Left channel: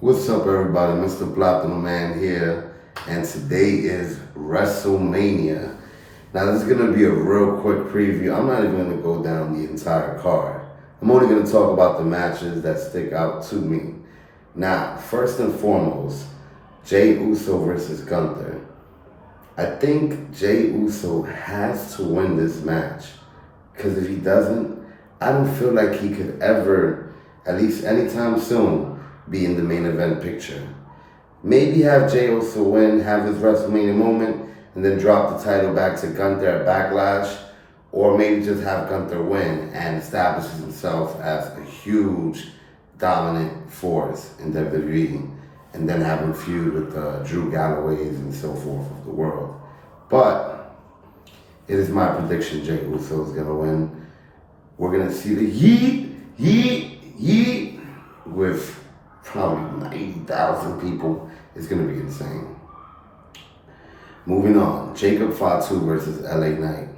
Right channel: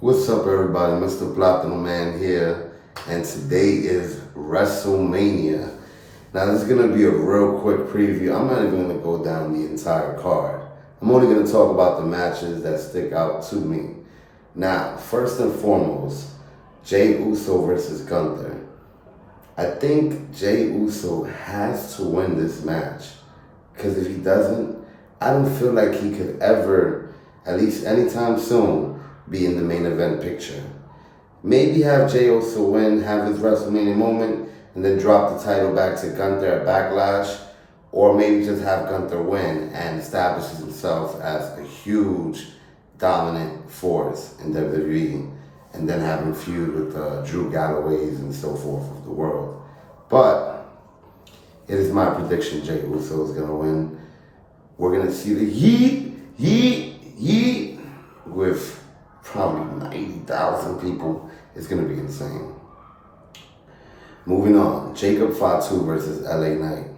What's up, everybody? Mr. Platinum Man here, and today is WrestleMania. Now, this is going to be a real quick preview. I'm not even going to go down the entire card. I'm only going to talk about the matches that stick out to me. Now, first and foremost, Jey Uso versus Gunther. I think Jey Uso has to win this match, because if he doesn't, I don't feel like he could ever, at least anytime soon, be in the main event picture. Maybe have Jey Uso win, have his WrestleMania moment, and then drop the title back to Gunther at Backlash, or maybe just have Gunther win and establishes himself as a huge, dominant force in WWE, and then have him feud with Drew Galloways and so forth of the world. But it is my prediction Jey Uso is gonna win. We're gonna see the yeet with probably 90,000 people. It's going to be insane. Moving on, Jacob Fatu versus LA Knight.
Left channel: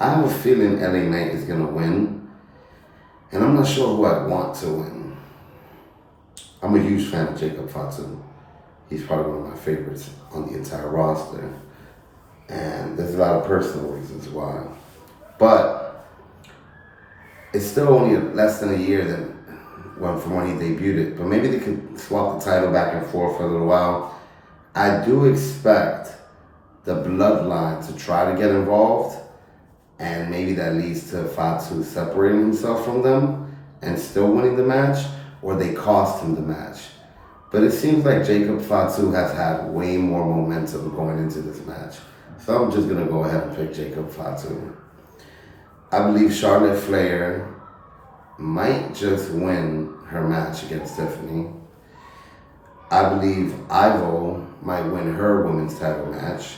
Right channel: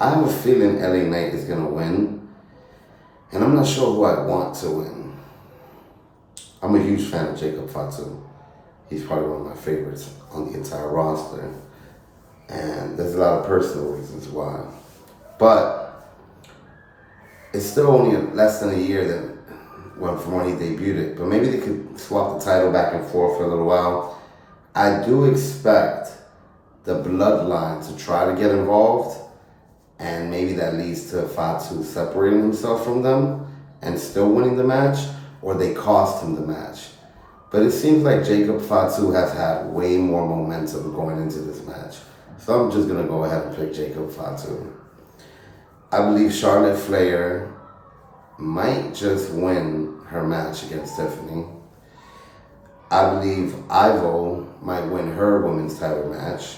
I have a feeling LA Knight is going to win, and I'm not sure who I want to win. I'm a huge fan of Jacob Fatu. He's probably one of my favorites on the entire roster, and there's a lot of personal reasons why. But it's still only less than a year from when he debuted it, but maybe they could swap the title back and forth for a little while. I do expect the Bloodline to try to get involved, and maybe that leads to Fatu separating himself from them and still winning the match, or they cost him the match. But it seems like Jacob Fatu has had way more momentum going into this match, so I'm just going to go ahead and pick Jacob Fatu. I believe Charlotte Flair might just win her match against Tiffany. I believe Ivo might win her women's title match.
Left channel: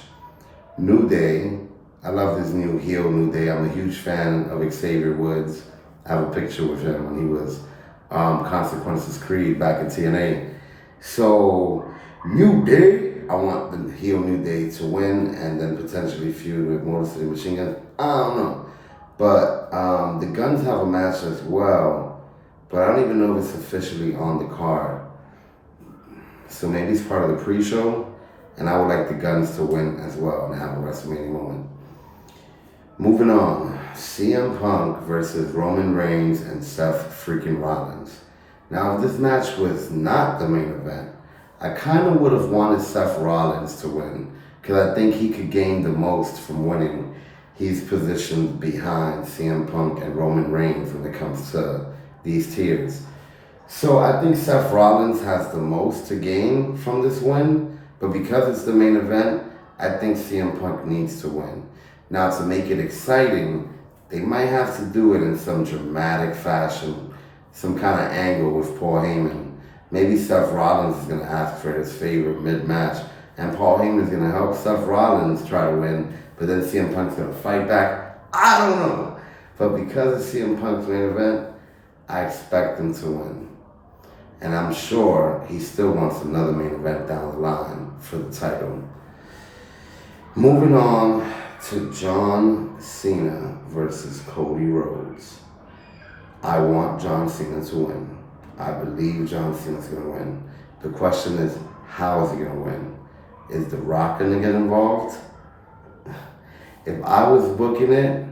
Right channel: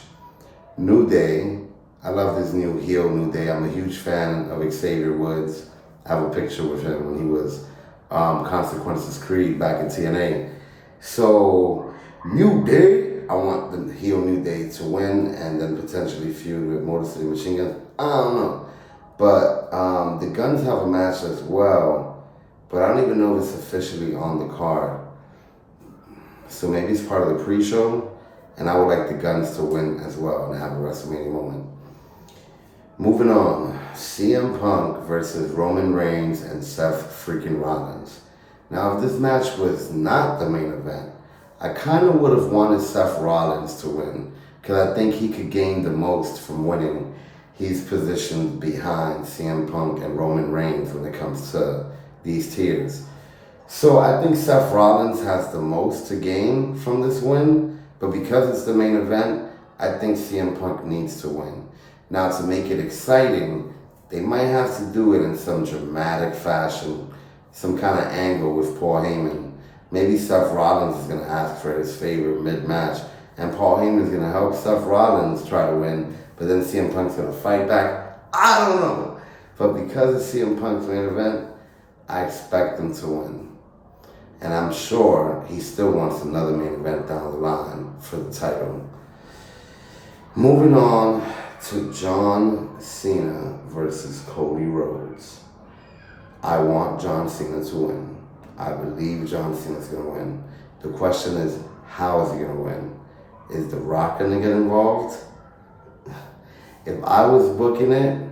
New Day, I love this new heel New Day. I'm a huge fan of Xavier Woods. I have a picture with him when he was Consequences Creed back in TNA. So, New Day, I want the heel New Day to win and then potentially feud with Motor City Machine Guns. I don't know. But the Guns have a match as well, but I don't even know if it's officially on the card. So maybe it's part of the pre-show, and I would like the Guns to win as well and have a WrestleMania moment. Moving on, CM Punk versus Roman Reigns and Seth freaking Rollins. Now, if this match was not the main event, I kind of would have wanted Seth Rollins to win, because I think he could gain the most from winning. He's positioned behind CM Punk and Roman Reigns when it comes to these tiers. So I think Seth Rollins has the most to gain from this win, but because it's the main event, I think CM Punk needs to win. Now, to make it exciting, they might have to do it in some dramatic fashion, some kind of angle with Paul Heyman. Maybe Seth Rollins is going to ask for his favorite mid-match, and Paul Heyman is going to help Seth Rollins try to win, but then CM Punk's going to fight back. I don't know. But because it's CM Punk's main event, I expect him to win. And I'm sure he still wants another main event down the line for the title. Moving on to John Cena versus Cody Rhodes. I want John Cena to win. I believe John Cena's going to win. The question is, how is he going to win? Is The Rock going to get involved? If I was booking it,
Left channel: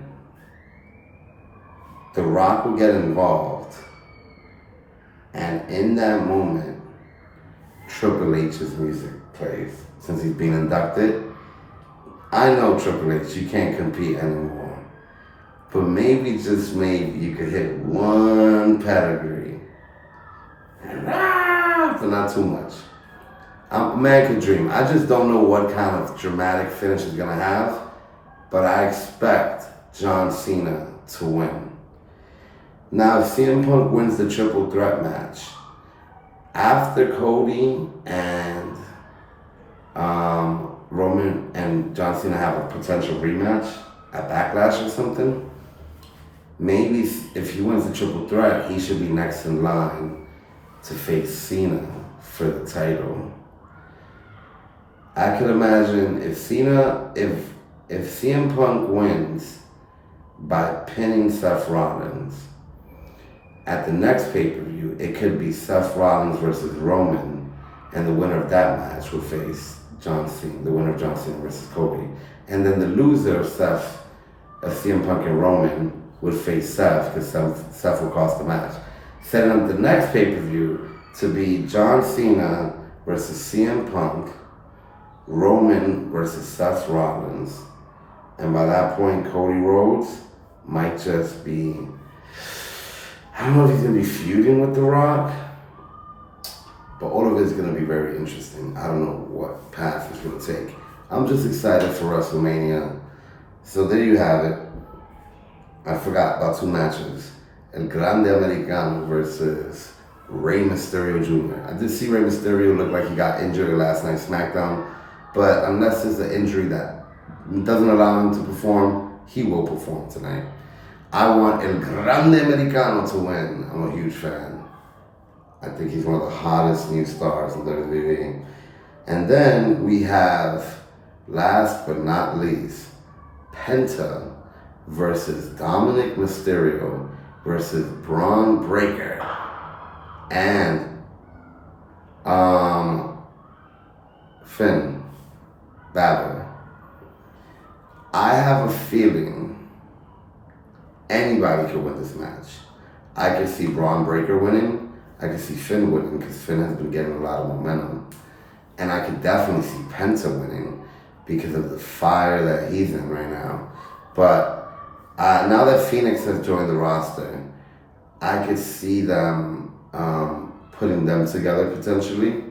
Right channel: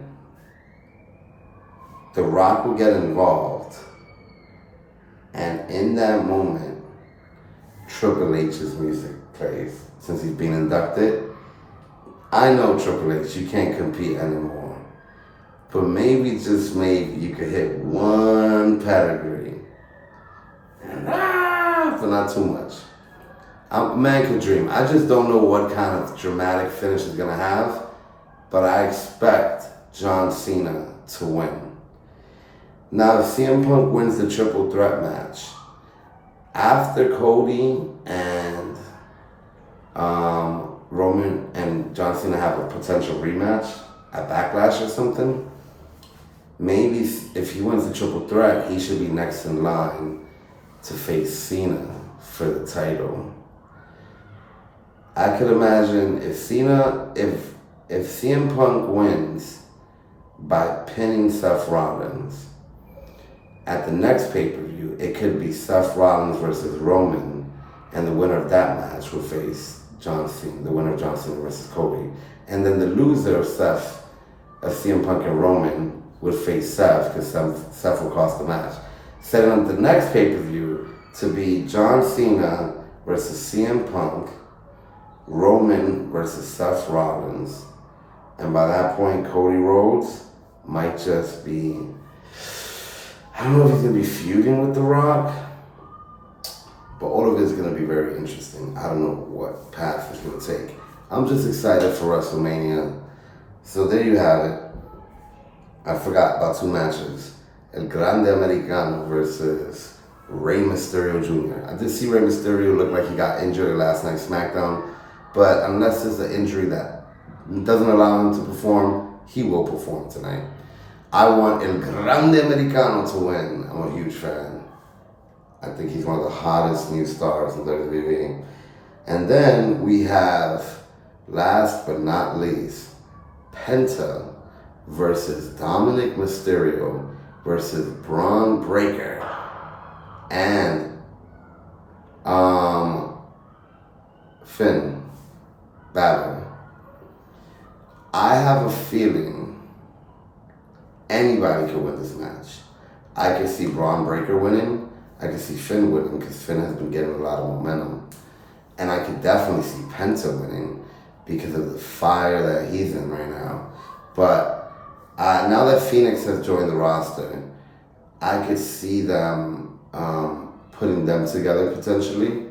The Rock would get involved. And in that moment, Triple H's music plays. Since he's been inducted, I know Triple H, you can't compete anymore. But maybe, just maybe, you could hit one pedigree. But not too much. A man could dream. I just don't know what kind of dramatic finish he's going to have. But I expect John Cena to win. Now, if CM Punk wins the triple threat match, after Cody and Roman and John Cena have a potential rematch at Backlash or something, maybe if he wins the triple threat, he should be next in line to face Cena for the title. I could imagine if CM Punk wins by pinning Seth Rollins, at the next pay-per-view, it could be Seth Rollins versus Roman, and the winner of that match would face John Cena, the winner of John Cena versus Cody. And then the loser of CM Punk and Roman would face Seth, because Seth will cost the match. Setting up the next pay-per-view to be John Cena versus CM Punk, Roman versus Seth Rollins, and by that point, Cody Rhodes might just be, I don't know if he's going to be feuding with The Rock, but all of it is going to be very interesting. I don't know what path it's going to take. I'm just excited for WrestleMania. So there you have it. I forgot about 2 matches. El Grande Americano versus Rey Mysterio Jr. I did see Rey Mysterio look like he got injured last night's SmackDown, but unless it's an injury that doesn't allow him to perform, he will perform tonight. I want El Grande Americano to win. I'm a huge fan. I think he's one of the hottest new stars in WWE. And then we have, last but not least, Penta versus Dominic Mysterio versus Braun Breaker and Finn Balor. I have a feeling anybody could win this match. I could see Braun Breaker winning. I could see Finn winning because Finn has been getting a lot of momentum. And I could definitely see Penta winning because of the fire that he's in right now. But now that Fénix has joined the roster, I could see them putting them together potentially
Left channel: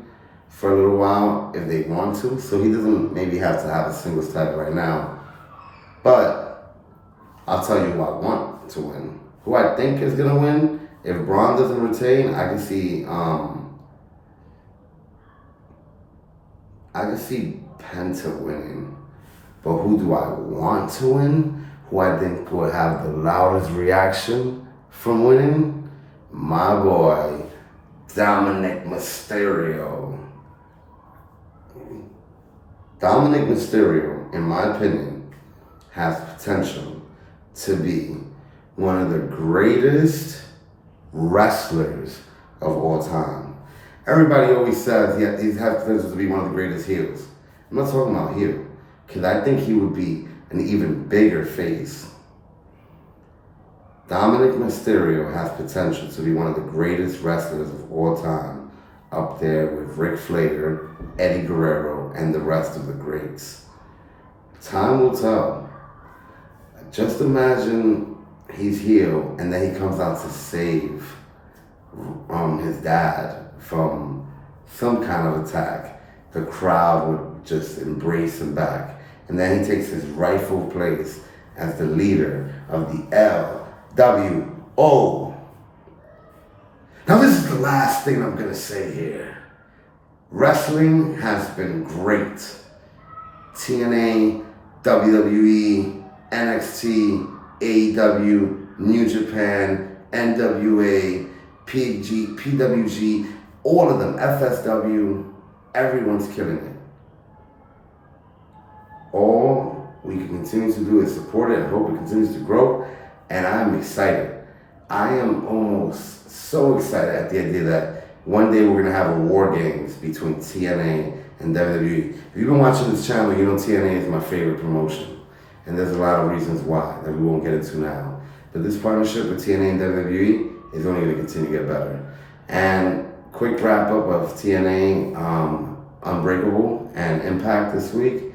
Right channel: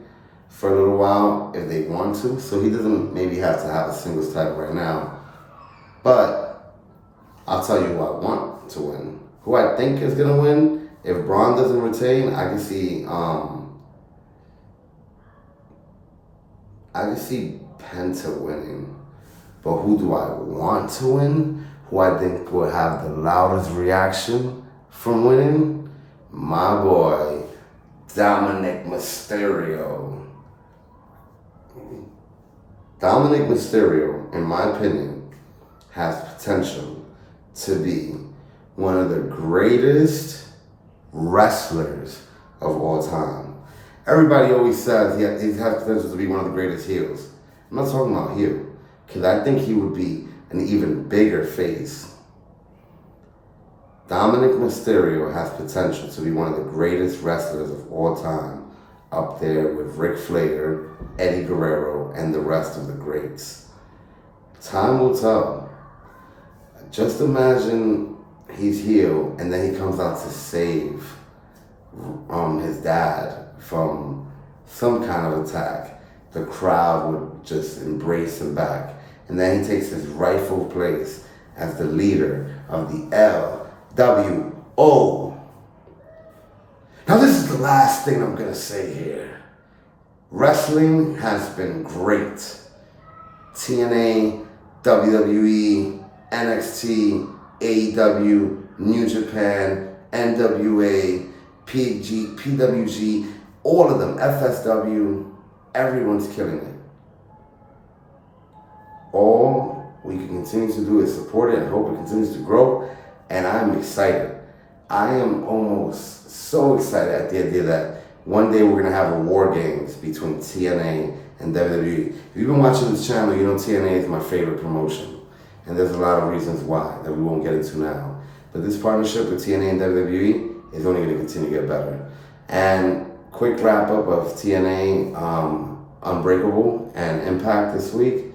for a little while if they want to. So he doesn't maybe have to have a singles title right now. But I'll tell you who I want to win. Who I think is going to win. If Braun doesn't retain, I can see Penta winning. But who do I want to win? Who I think will have the loudest reaction from winning? My boy, Dominic Mysterio. Dominic Mysterio, in my opinion, has potential to be one of the greatest wrestlers of all time. Everybody always says he has potential to be one of the greatest heels. I'm not talking about heel, because I think he would be an even bigger face. Dominic Mysterio has potential to be one of the greatest wrestlers of all time, up there with Ric Flair, Eddie Guerrero, and the rest of the greats. Time will tell. Just imagine he's heel, and then he comes out to save his dad from some kind of attack. The crowd would just embrace him back. And then he takes his rightful place as the leader of the LWO. Now this is the last thing I'm going to say here. Wrestling has been great. TNA, WWE, NXT, AEW, New Japan, NWA, PWG, all of them, FSW, everyone's killing it. All we can continue to do is support it and hope it continues to grow, and I'm excited. I am almost so excited at the idea that one day we're going to have a war games between TNA and WWE. If you've been watching this channel, you know TNA is my favorite promotion. And there's a lot of reasons why that we won't get into now. But this partnership with TNA and WWE is only going to continue to get better. And quick wrap up of TNA Unbreakable and Impact this week.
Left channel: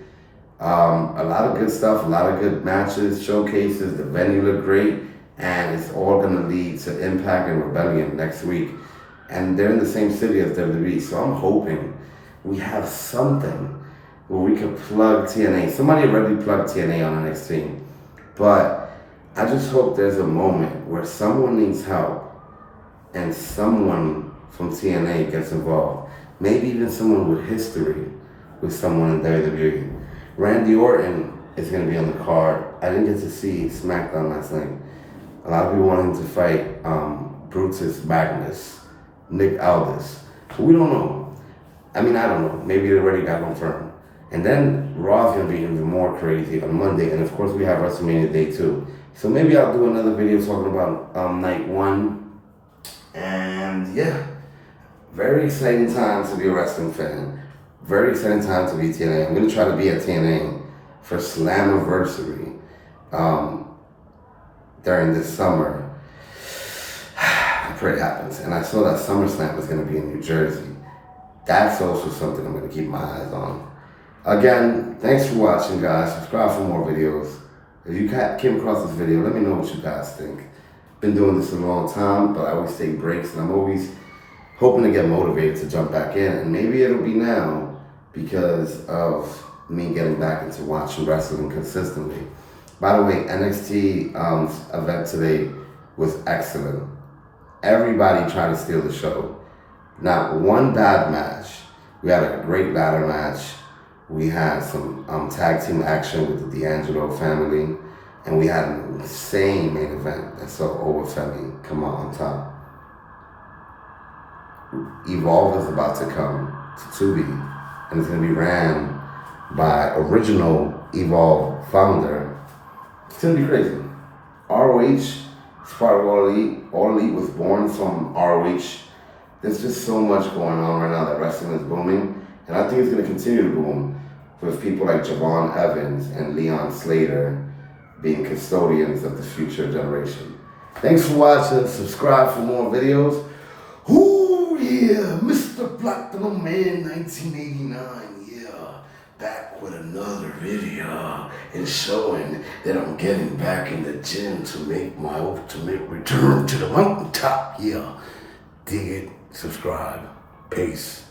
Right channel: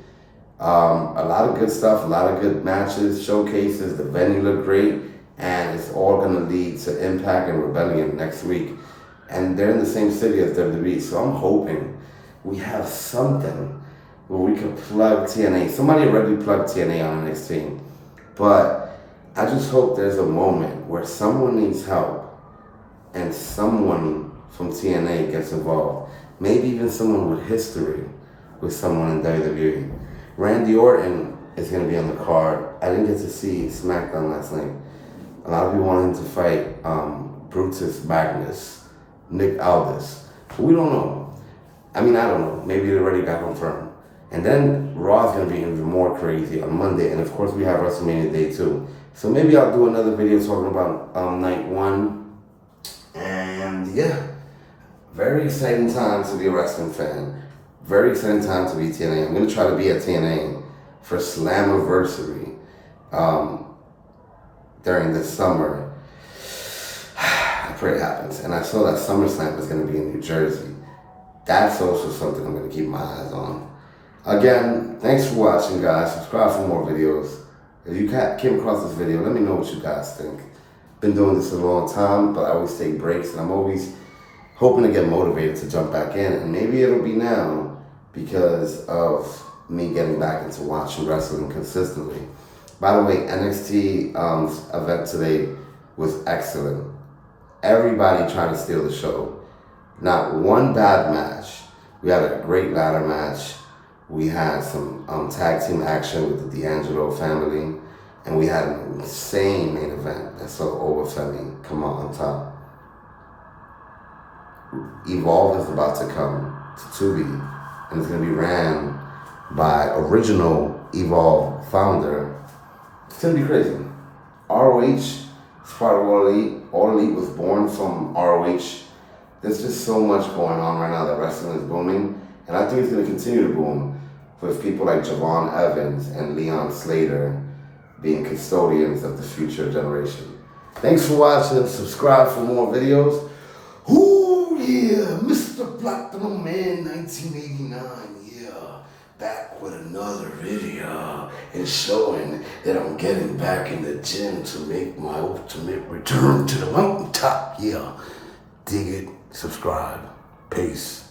A lot of good stuff, a lot of good matches, showcases, the venue looked great, and it's all going to lead to Impact and Rebellion next week. And they're in the same city as WWE, so I'm hoping we have something where we could plug TNA. Somebody already plugged TNA on NXT, but I just hope there's a moment where someone needs help and someone from TNA gets involved. Maybe even someone with history with someone in WWE. Randy Orton is going to be on the card. I didn't get to see SmackDown last night. A lot of people wanted him to fight Brutus Magnus, Nick Aldis. So we don't know. I mean, I don't know. Maybe it already got confirmed. And then Raw's going to be even more crazy on Monday. And of course, we have WrestleMania Day 2. So maybe I'll do another video talking about night 1 And yeah, very exciting time to be a wrestling fan. Very exciting time to be TNA. I'm going to try to be at TNA for Slammiversary during this summer. I pray it happens. And I saw that SummerSlam was going to be in New Jersey. That's also something I'm going to keep my eyes on. Again, thanks for watching, guys. Subscribe for more videos. If you came across this video, let me know what you guys think. Been doing this a long time, but I always take breaks, and I'm always hoping to get motivated to jump back in. And maybe it'll be now because of me getting back into watching wrestling consistently. By the way, NXT event today was excellent. Everybody tried to steal the show. Not one bad match. We had a great ladder match. We had some tag team action with the D'Angelo family. And we had an insane main event that saw Femi come out on top. Evolve is about to come to Tubi, and it's going to be ran by original Evolve founder. It's going to be crazy. ROH is part of All Elite. All Elite was born from ROH. There's just so much going on right now that wrestling is booming, and I think it's going to continue to boom with people like Javon Evans and Leon Slater being custodians of the future generation. Thanks for watching. Subscribe for more videos. Ooh, yeah, Mr. Platinum Man 1989, yeah. Back with another video and showing that I'm getting back in the gym to make my ultimate return to the mountaintop, yeah. Dig it, subscribe, peace.